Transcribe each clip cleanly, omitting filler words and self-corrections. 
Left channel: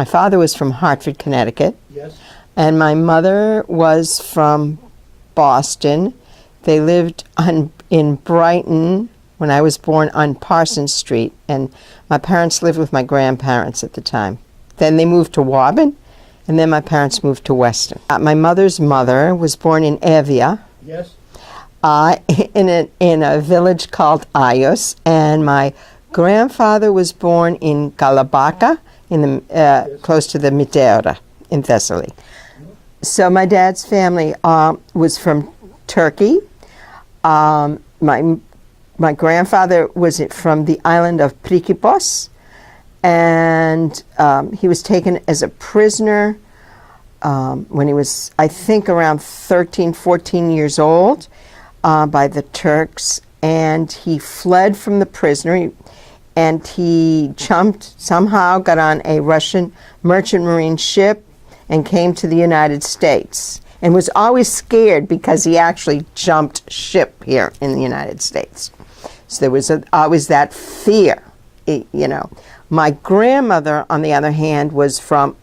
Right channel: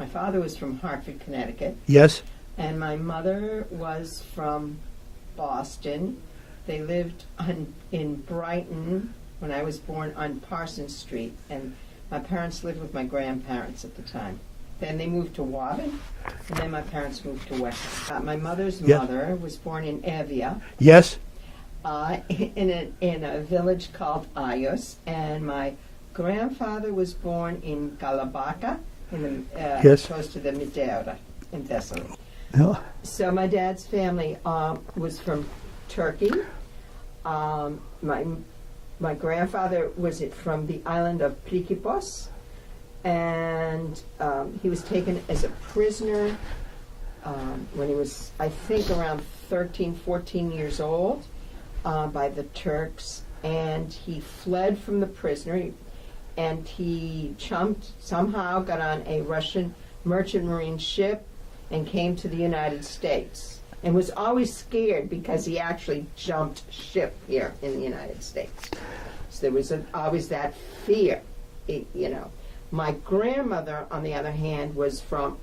My father was from Hartford, Connecticut. Yes. And my mother was from Boston. They lived in Brighton when I was born on Parsons Street, and my parents lived with my grandparents at the time. Then they moved to Woburn, and then my parents moved to Weston. My mother's mother was born in Evia. Yes. In a village called Ayos, and my grandfather was born in Galabaka, close to the Miteira in Thessaly. Oh. So my dad's family was from Turkey. My grandfather was from the island of Prekipos, and he was taken as a prisoner when he was, I think, around 13, 14 years old by the Turks, and he fled from the prisoner, and he somehow got on a Russian merchant marine ship and came to the United States, and was always scared because he actually jumped ship here in the United States. So there was always that fear, you know. My grandmother, on the other hand, was from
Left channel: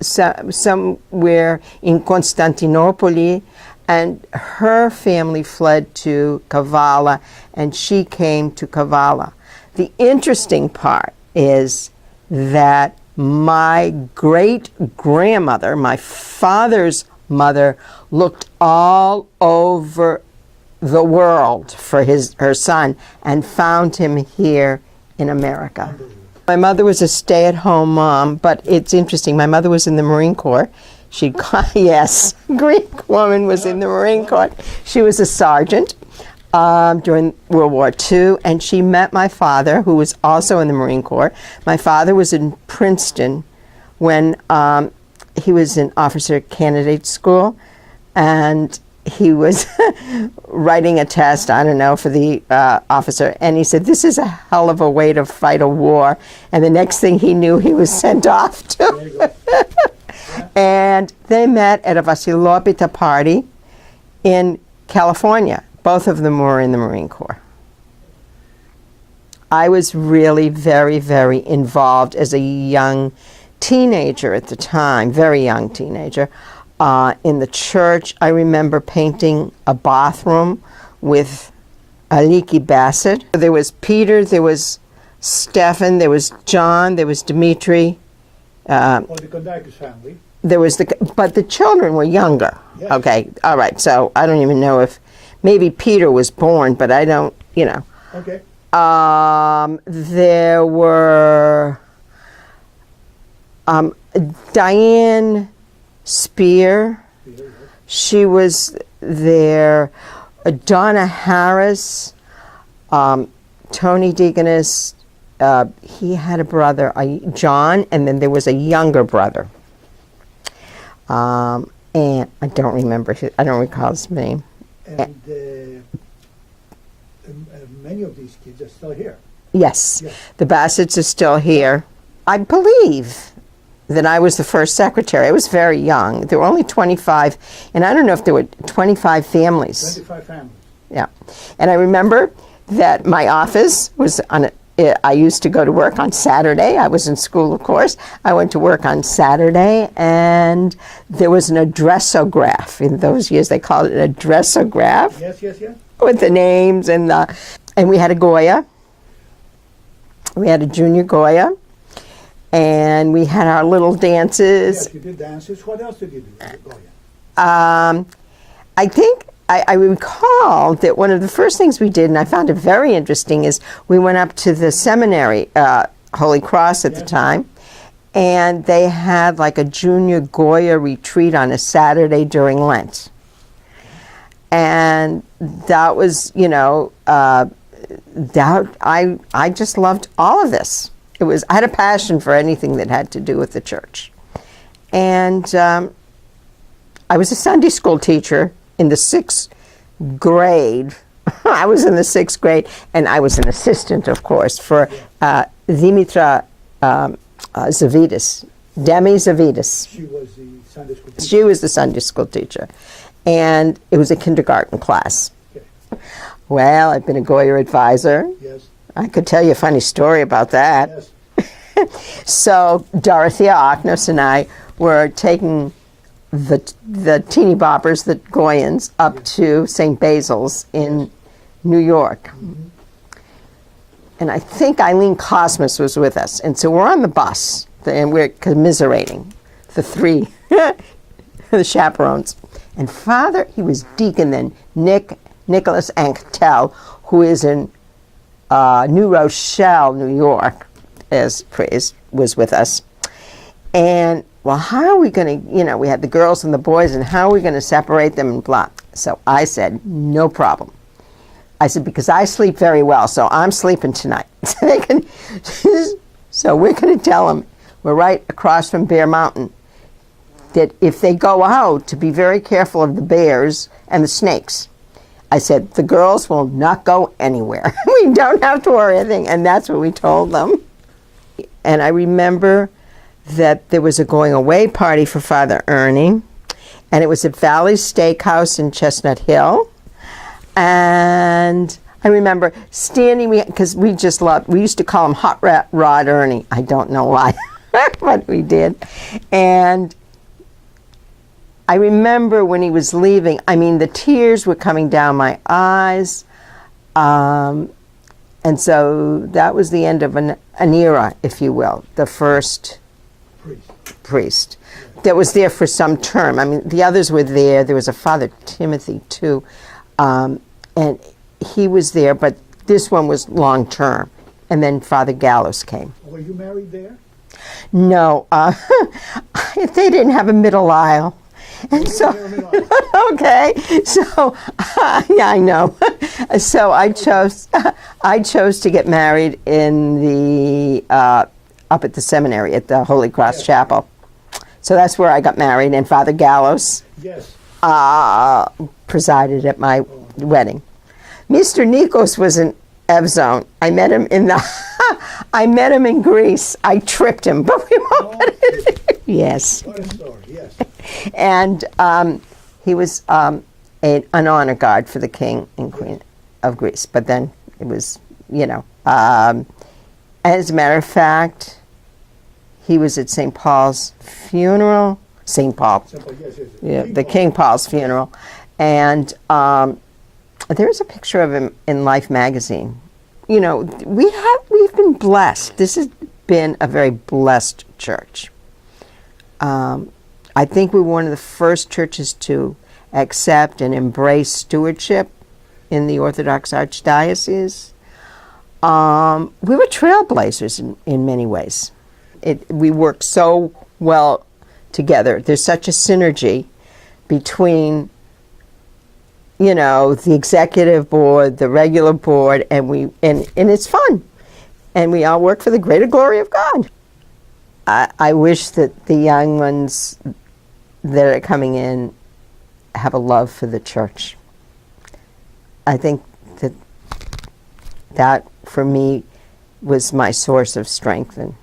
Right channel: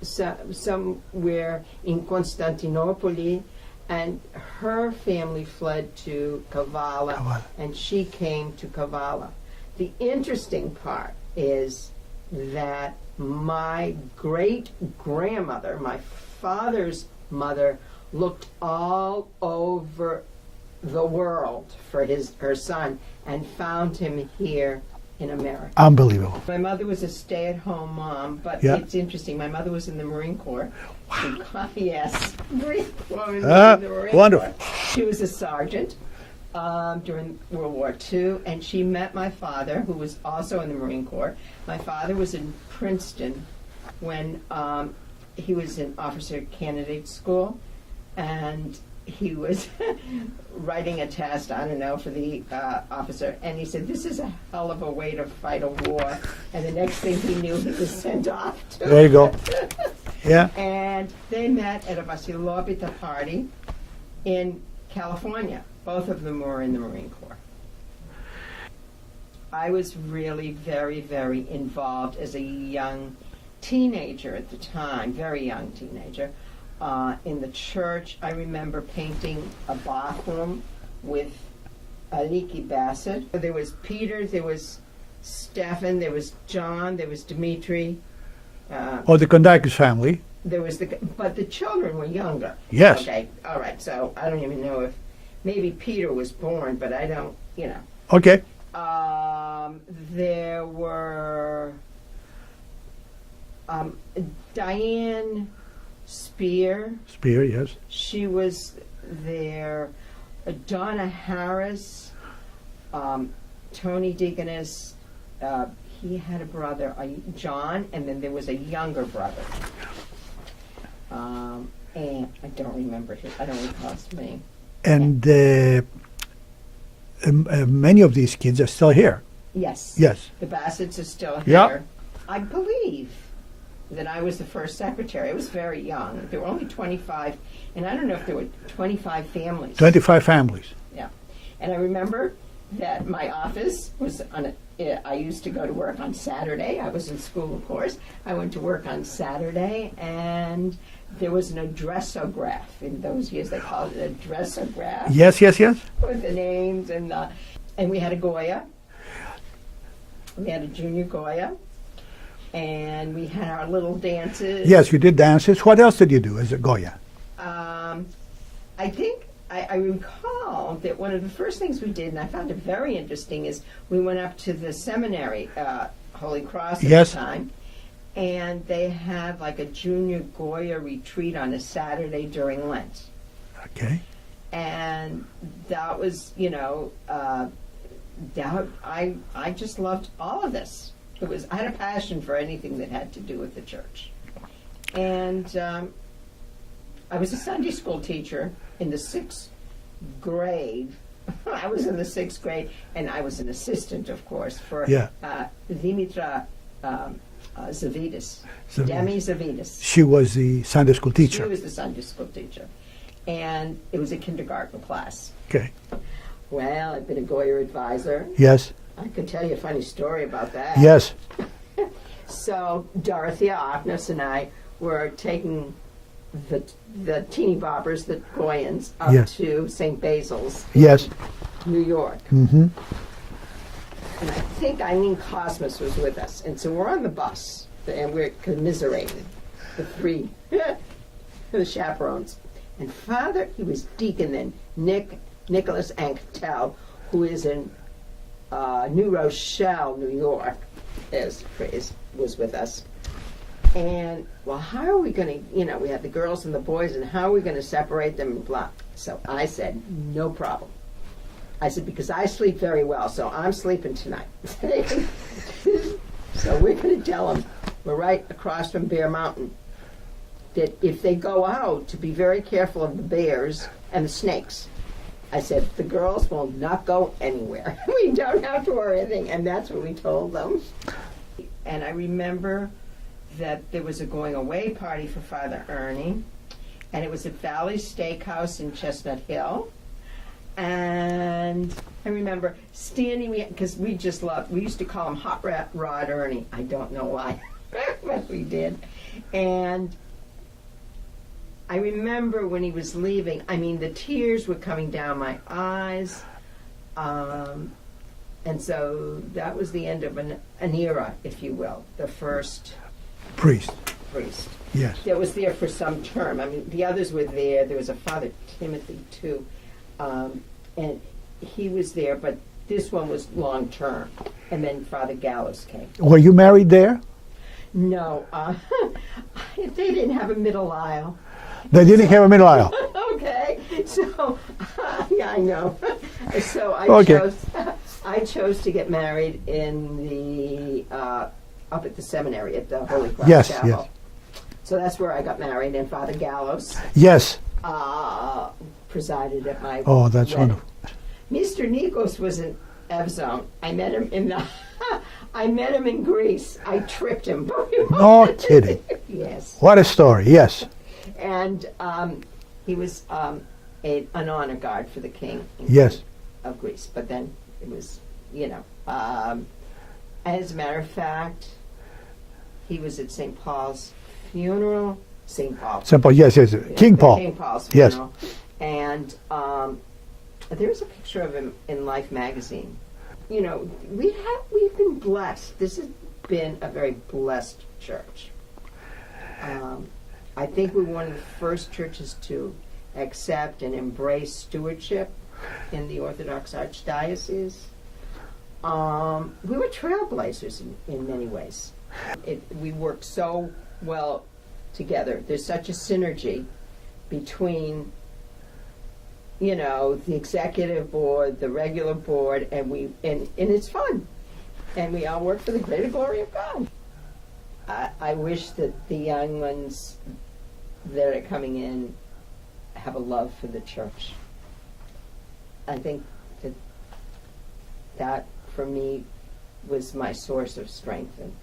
somewhere in Constantinople, and her family fled to Kavala, and she came to Kavala. The interesting part is that my great-grandmother, my father's mother, looked all over the world for her son and found him here in America. Unbelievable. My mother was a stay-at-home mom, but it's interesting. My mother was in the Marine Corps. She yes, Greek woman was in the Marine Corps. She was a sergeant during World War II, and she met my father, who was also in the Marine Corps. My father was in Princeton when he was in officer candidate school, and he was writing a test, I don't know, for the officer, and he said, "This is a hell of a way to fight a war." And the next thing he knew, he was sent off to. There you go. Yeah. And they met at a Vasilopita party in California. Both of them were in the Marine Corps. I was really very, very involved as a young teenager at the time, very young teenager, in the church. I remember painting a bathroom with Aliki Bassett. There was Peter, there was Stefan, there was John, there was Dimitri. The Kondakis family. There was but the children were younger. Yes. Okay, all right, so I don't even know if, maybe Peter was born, but I don't, you know. Okay. There were Diane Spear. Spear, yes. She was there. Donna Harris, Tony Deaconess. He had a brother, John, and then there was a younger brother. And I don't remember I don't recall his name. And many of these kids are still here. Yes. Yes. The Bassetts are still here. Yep. I believe that I was the first secretary. I was very young. There were only 25, and I don't know if there were 25 families. 25 families. Yeah. And I remember that my office was I used to go to work on Saturday. I was in school, of course. I went to work on Saturday, and there was an addressograph. In those years, they called it an addressograph. Yes, yes, yes. With the names and we had a Goya. We had a junior Goya, and we had our little dances. Yes, you did dances. What else did you do as a Goya? I think I recall that one of the first things we did, and I found it very interesting, is we went up to the seminary, Holy Cross at the time, and they had like a junior Goya retreat on a Saturday during Lent. Okay. And that was, you know, I just loved all of this. I had a passion for anything that had to do with the church. And I was a Sunday school teacher in the 6th grade. I was in the 6th grade, and I was an assistant, of course, for Dimitra Zavidis, Demi Zavidis. She was the Sunday school teacher. She was the Sunday school teacher. And it was a kindergarten class. Okay. Well, I've been a Goya advisor. Yes. I could tell you a funny story about that. Yes. So Dorothea Aknos and I were taking the teeny boppers, the Goyans, up Yes. to St. Basil's in Yes. New York. Mm-hmm. And I think Eileen Cosmas was with us. And so we're on the bus, and we're commiserating, the three, the chaperones. And Father, he was deacon then, Nicholas Anctel, who is in New Rochelle, New York, as praise, was with us. And, well, how are we going to, we had the girls and the boys, and how are we going to separate them and blah. So I said, no problem. I said, because I sleep very well, so I'm sleeping tonight. So we're going to tell them, we're right across from Bear Mountain, that if they go out, to be very careful of the bears and the snakes. I said, the girls will not go anywhere. We don't have to worry anything. And that's what we told them. And I remember that there was a going away party for Father Ernie, and it was at Valley's Steakhouse in Chestnut Hill. And I remember standing, because we used to call him Hot Rod Ernie. I don't know why, but we did. And I remember when he was leaving, the tears were coming down my eyes. And so that was the end of an era, if you will, the first priest Yes. that was there for some term. The others were there. There was a Father Timothy, too. And he was there, but this one was long term. And then Father Gallows came. Were you married there? No, they didn't have a middle aisle. They didn't have a middle aisle. Okay, so yeah, I know. So I chose to get married in the up at the seminary at the Holy Cross Chapel. Yes. So that's where I got married, and Father Gallows presided at my wedding. Mr. Nikos was an Evzone. I met him in Greece. I tripped him, but we won't. No kidding. Yes. What a story. Yes. And he was an honor guard for the king and queen of Greece. But then it was, as a matter of fact, he was at St. Paul's funeral. St. Paul. St. Paul, yes. Yeah, King Paul. King Paul's funeral. Yes. And there's a picture of him in Life magazine. We've been blessed. This has been a very blessed church. I think we were one of the first churches to accept and embrace stewardship in the Orthodox Archdiocese. We were trailblazers in many ways. We work so well together. There's such a synergy between the executive board, the regular board, and it's fun. And we all work for the greater glory of God. I wish that the young ones that are coming in have a love for the church. I think that for me was my source of strength and